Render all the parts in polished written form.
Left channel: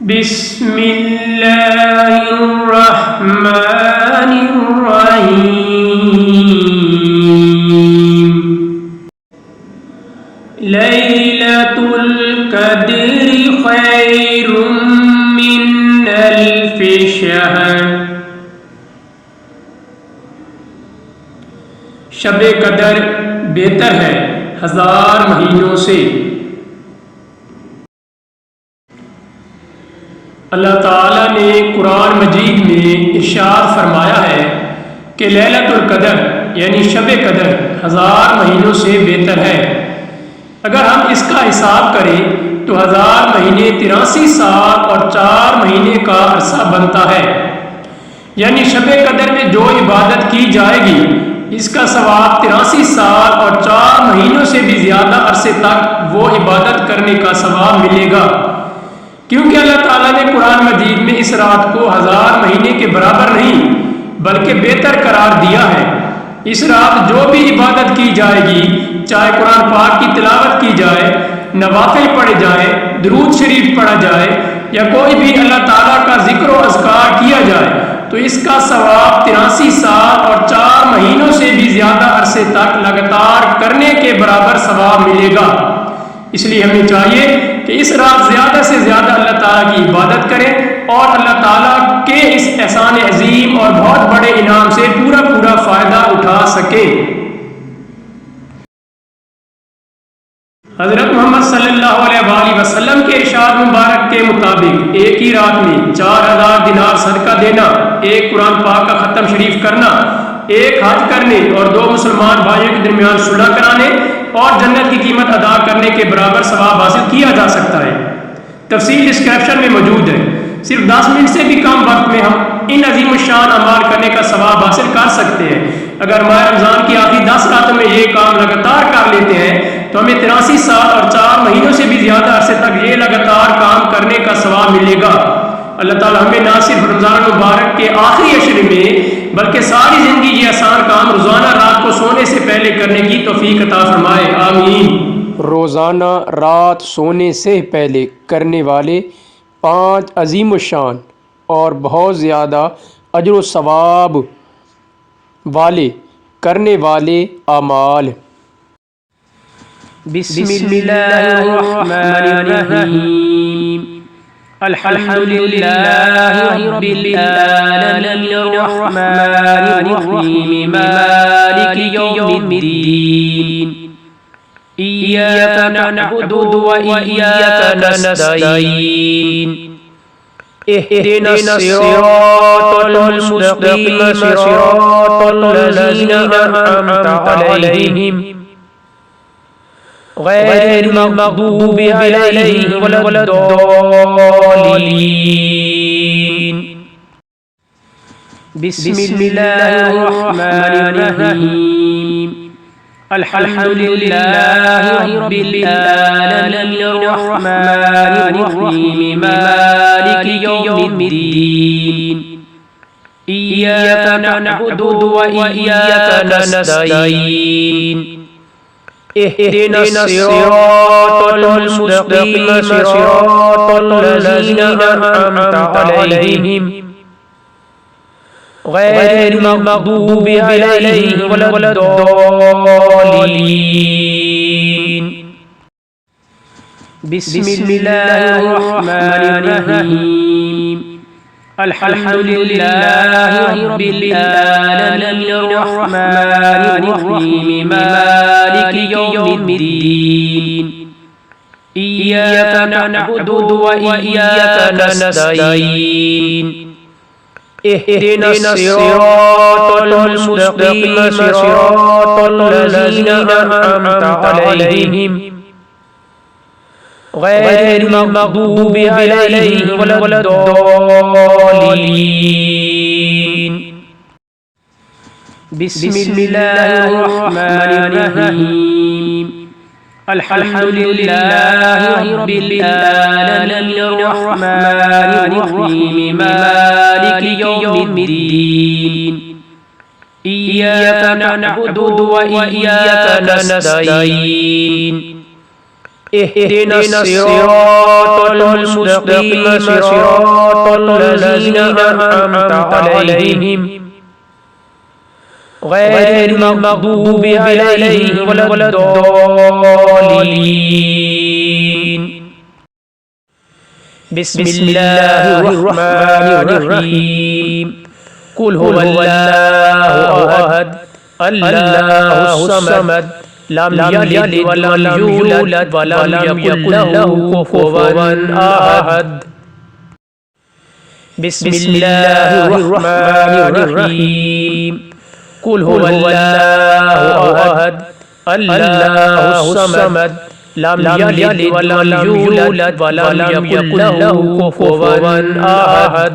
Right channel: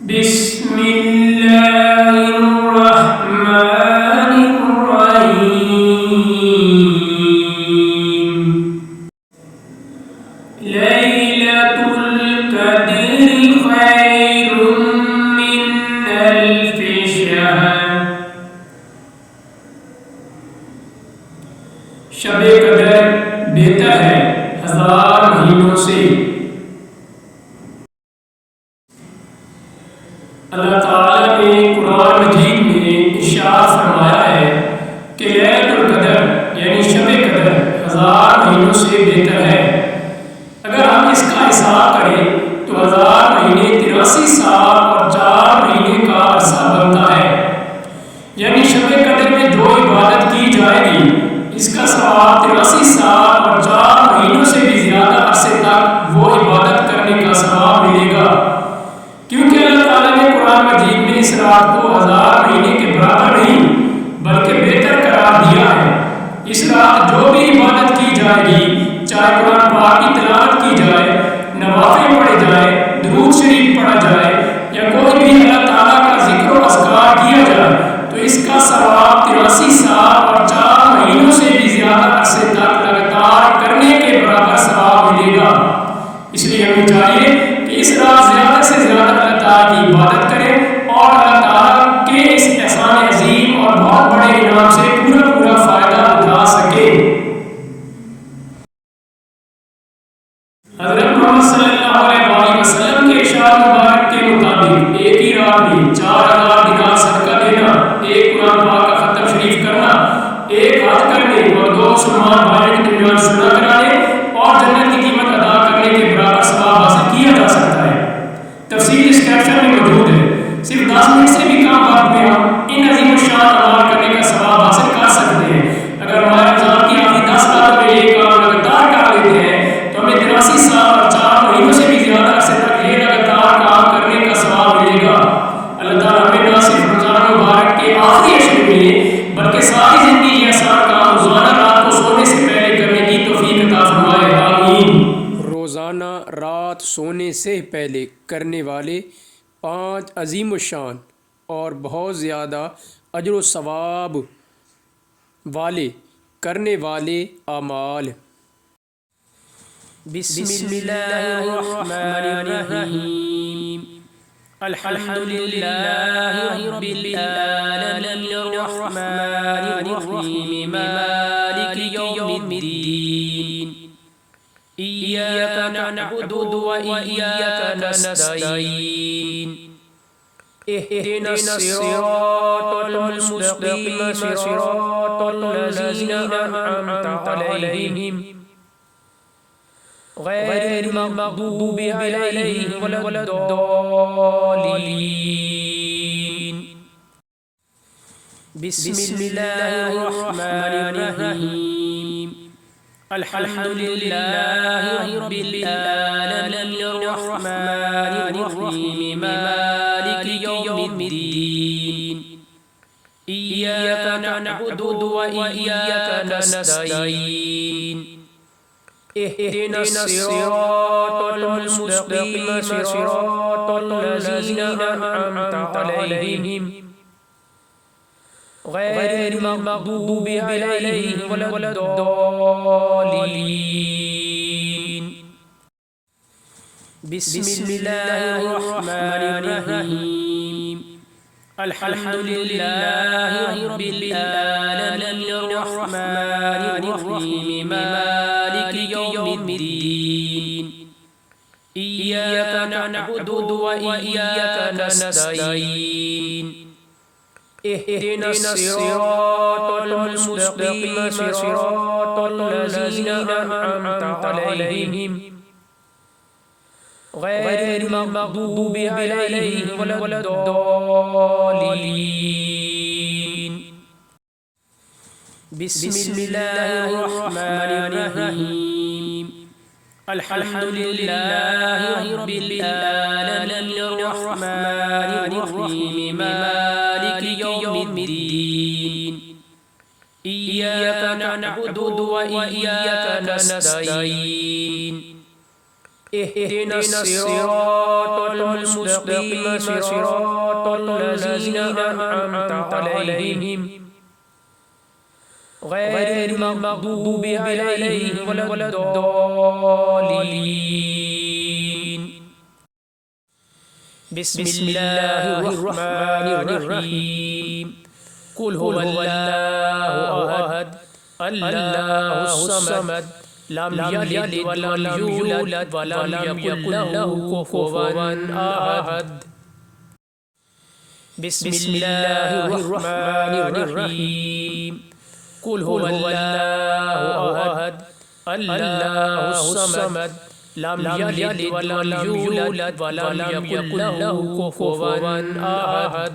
بسم اللہ الرحمن الرحیم لیلۃ القدر خیر من الف شہر شب قدر بہتر ہے 1000 مہینوں سے۔ اللہ تعالیٰ نے قرآن مجید میں ارشاد فرمایا ہے کہ لیلۃ القدر یعنی شب قدر 1000 مہینوں سے بہتر ہے۔ اگر ہم اس کا حساب کریں تو 1000 مہینے 83 سال اور 4 مہینے کا عرصہ بنتا ہے، یعنی شب قدر میں جو عبادت کی جائے گی اس کا ثواب 83 سال اور 4 مہینوں سے بھی زیادہ عرصے تک وہ عبادت کرنے کا ثواب ملے گا، کیونکہ اللہ تعالیٰ نے قرآن مجید میں اس رات کو 1000 مہینے کے برابر نہیں بلکہ بہتر قرار دیا ہے۔ اس رات جو بھی عبادت کی جائے گی، چاہے قرآن پاک کی تلاوت کی جائے، نوافل پڑھے جائے، درود شریف پڑھا جائے یا کوئی بھی اللہ تعالیٰ کا ذکر و اذکار کیا جائے تو اس کا ثواب 83 سال اور 4 مہینوں سے بھی زیادہ عرصے تک لگاتار کرنے کے برابر ثواب ملے گا۔ اس لیے ہمیں چاہیے کہ اس رات زیادہ سے زیادہ اللہ تعالیٰ کی عبادت کریں اور اللہ تعالیٰ کے اس احسان عظیم اور بہت بڑے انعام سے پورا فائدہ اٹھا سکے۔ حضرت محمد صلی اللہ علیہ وآلہ وسلم کے ارشاد مبارک کے مطابق ایک ہی رات میں 4000 دینار صدقہ دینا، ایک قرآن پاک کا ختم شریف کرنا، ایک حج کرنے اور 2 مسلمان بھائیوں کے درمیان صلح کرانے اور جنت کی قیمت ادا کرنے کے برابر ثواب حاصل کیا جا سکتا ہے۔ تفصیل اس کیپشن میں موجود ہے۔ صرف 10 منٹ سے بھی کم وقت میں ہم ان عظیم الشان اعمال کرنے کا ثواب حاصل کر سکتے ہیں۔ اگر ماہ رمضان کی آخری 10 راتوں میں یہ کام لگاتار کر لیتے ہیں تو ہمیں 83 سال اور 4 مہینوں سے بھی زیادہ عرصے تک یہ لگاتار کام کرنے کا ثواب ملے گا۔ اللہ تعالیٰ ہمیں نہ صرف رمضان مبارک کے آخری عشر میں بلکہ ساری زندگی یہ آسان کام روزانہ رات کو سونے سے پہلے کرنے کی توفیق عطا فرمائے، آمین۔ روزانہ رات سونے سے پہلے کرنے والے 5 عظیم الشان اور بہت زیادہ اجر و ثواب والے کرنے والے اعمال۔ بسم اللہ الرحمن الرحیم الحمد للہ رب العالمین الرحمن الرحیم مالک یوم الدین إياك نعبد وإياك نستعين اهدنا الصراط المستقيم صراط الذين أنعمت عليهم غير المغضوب عليهم ولا الضالين بسم الله الرحمن الرحيم الحمد للہ رب العالمین الرحمن الرحیم مالک یوم الدین إياك نعبد وإياك نستعين اهدنا الصراط المستقيم صراط الذين أنعمت عليهم غير المغضوب عليهم ولا الضالين بسم الله الرحمن الرحيم الحمد لله رب العالمين الرحمن الرحيم مالك يوم الدين إياك نعبد وإياك نستعين اهدنا الصراط المستقيم صراط الذين أنعمت عليهم غير المغضوب عليهم ولا الضالين بسم الله الرحمن الرحيم الحمد للہ رب العالمین الرحمن الرحیم مالک یوم الدین ایاک نعبد و ایاک نستعین اهدنا الصراط المستقيم صراط الذين أنعمت عليهم غير المغضوب عليهم ولا الضالين. بسم الله الرحمن الرحيم. قل هو الله أحد الله الصمد لم يلد ولم يولد ولم يكن له كفوا أحد. بسم الله الرحمن الرحيم. قل هو الله أحد الله الصمد لم يلد ولم يولد ولم يكن له كفوا أحد.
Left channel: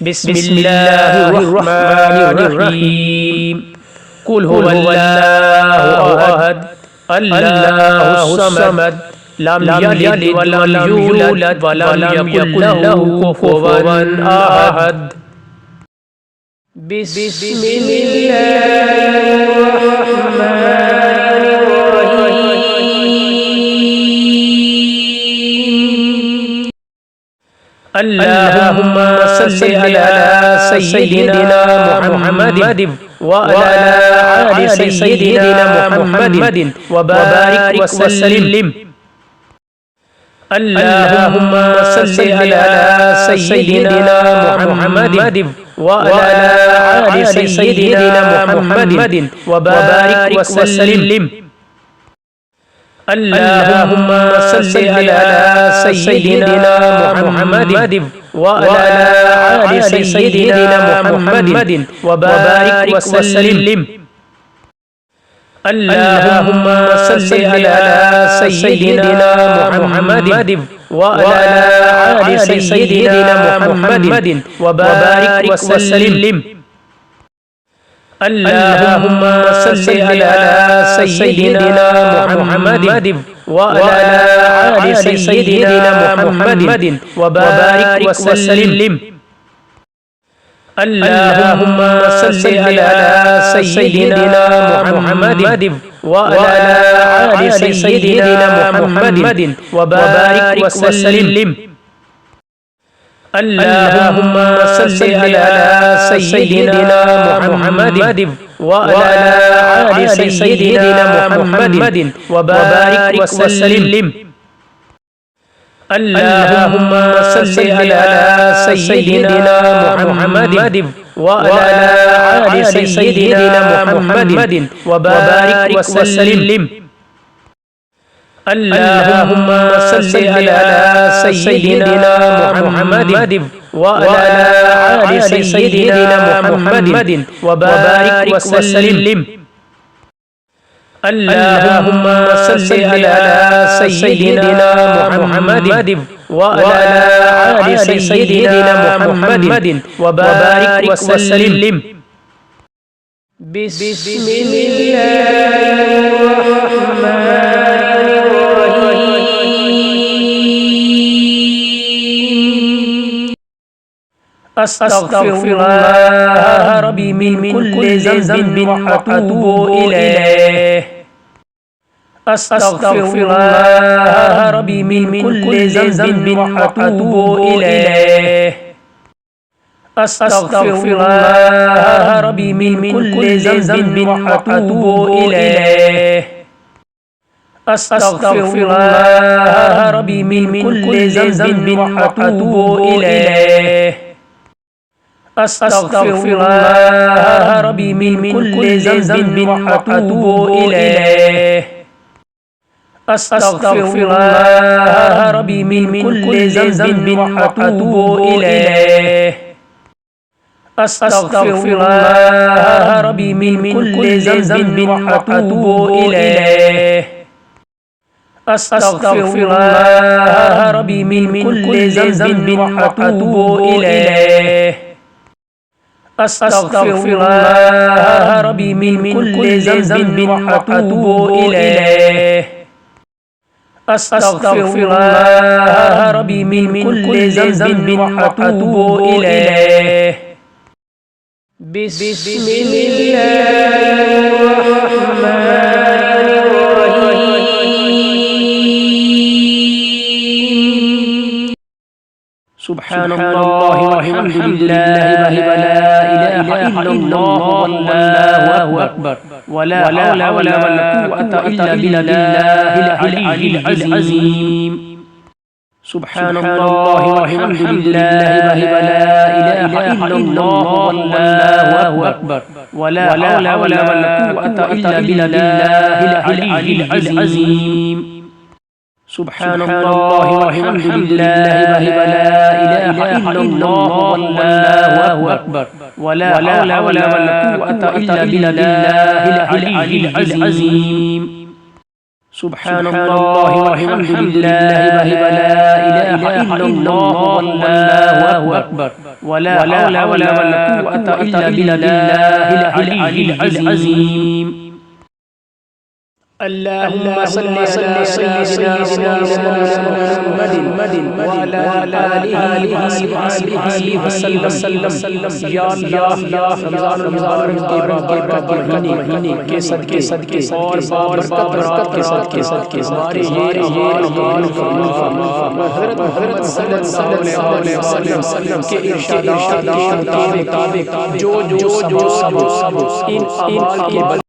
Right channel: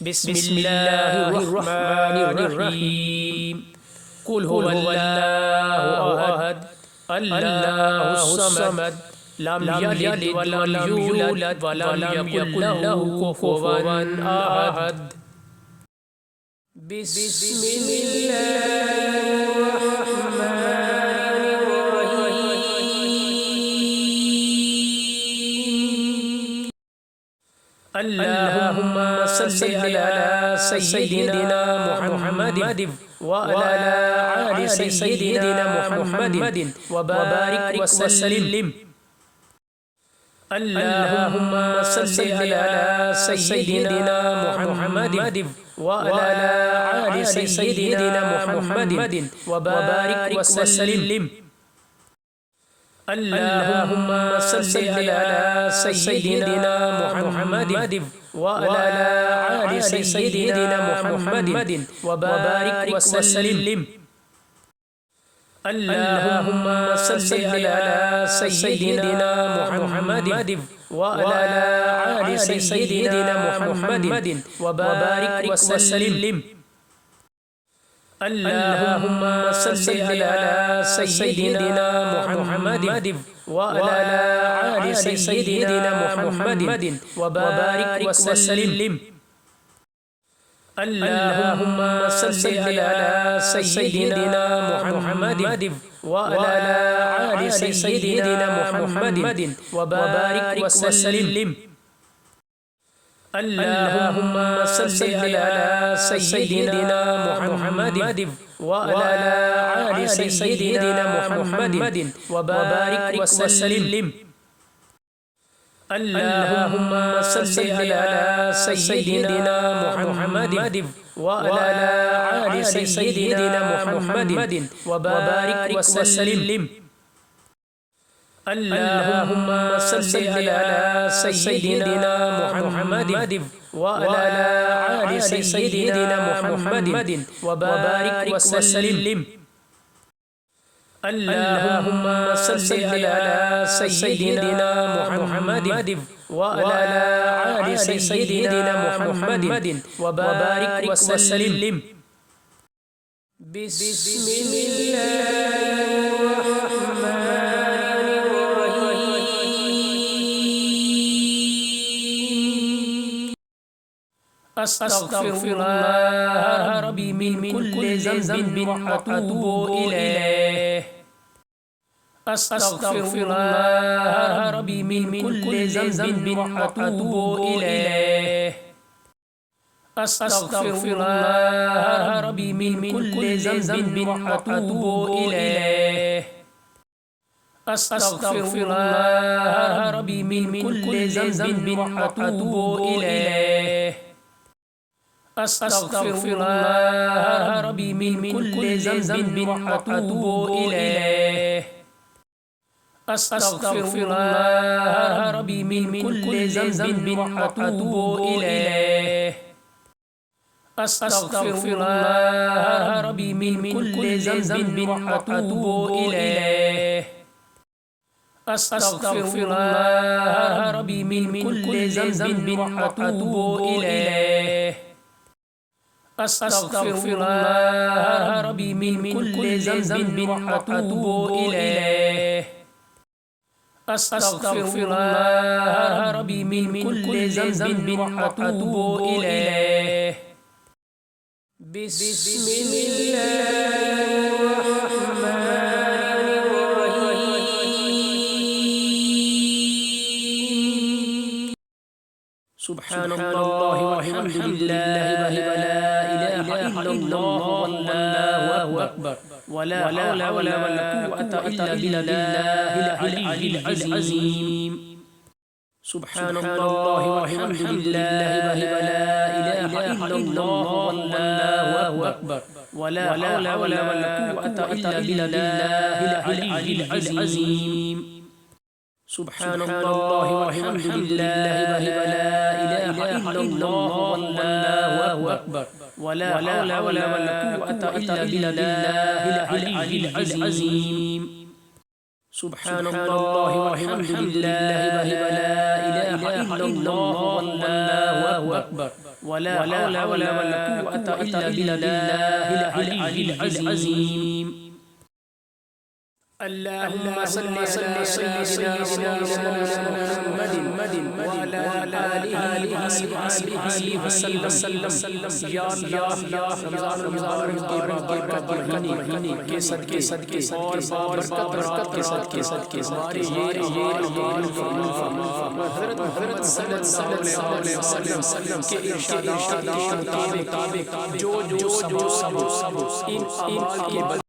بسم الله الرحمن الرحيم. قل هو الله أحد الله الصمد لم يلد ولم يولد ولم يكن له كفوا أحد. بسم الله الرحمن الرحيم. اللهم صل على سيدنا محمد وعلى آل سيدنا محمد وبارك وسلم. اللهم صل على سيدنا محمد وعلى آل سيدنا محمد وبارك وسلم. اللهم صل على سيدنا محمد وعلى آل سيدنا محمد وبارك وسلم. اللهم صل على سيدنا محمد وعلى آل سيدنا محمد وبارك وسلم. اللهم صل على سيدنا محمد وعلى آل سيدنا محمد وبارك وسلم. اللهم صل على سيدنا محمد وعلى آل سيدنا محمد وبارك وسلم. اللهم صل على سيدنا محمد وعلى آل سيدنا محمد وبارك وسلم. اللهم صل على سيدنا محمد وعلى آل سيدنا محمد وبارك وسلم. اللهم صل على سيدنا محمد وعلى آل سيدنا محمد وبارك وسلم. اللهم صل على سيدنا محمد وعلى آل سيدنا محمد وبارك وسلم. بسم الله الرحمن الرحيم. أستغفر الله ربي من كل ذنب وأتوب إليه. أستغفر الله ربي من كل ذنب وأتوب إليه. أستغفر الله ربي من كل ذنب وأتوب إليه. أستغفر الله ربي من كل ذنب وأتوب إليه. أستغفر الله ربي من كل ذنب وأتوب إليه. أستغفر الله ربي من كل ذنب وأتوب إليه. أستغفر الله ربي من كل ذنب وأتوب إليه. أستغفر الله ربي من كل ذنب وأتوب إليه. أستغفر الله ربي من كل ذنب وأتوب إليه. أستغفر الله ربي من كل ذنب وأتوب إليه. بسم الله الرحمن الرحيم. سبحان اللہ والحمد للہ ولا الہ الا اللہ واللہ اکبر ولا حول ولا قوة الا باللہ العلی العظیم سبحان اللہ والحمد للہ ولا الہ الا اللہ واللہ اکبر ولا حول ولا قوة الا باللہ العلی العظیم سبحان اللہ والحمد للہ ولا الہ الا اللہ واللہ اکبر ولا حول ولا قوة الا باللہ العلی العظیم سبحان اللہ والحمد للہ ولا الہ الا اللہ واللہ اکبر ولا حول ولا قوة الا باللہ العلی العظیم اللهم صل على سيدنا محمد وعلى آله وصحبه وسلم یا اللہ رمضان کے مہینے کے صدقے اور بابرکت کے صدقے ہمارے یہ حضرت محمد صلی اللہ علیہ وسلم کے ارشادات کے مطابق جو سب ان اعمال کے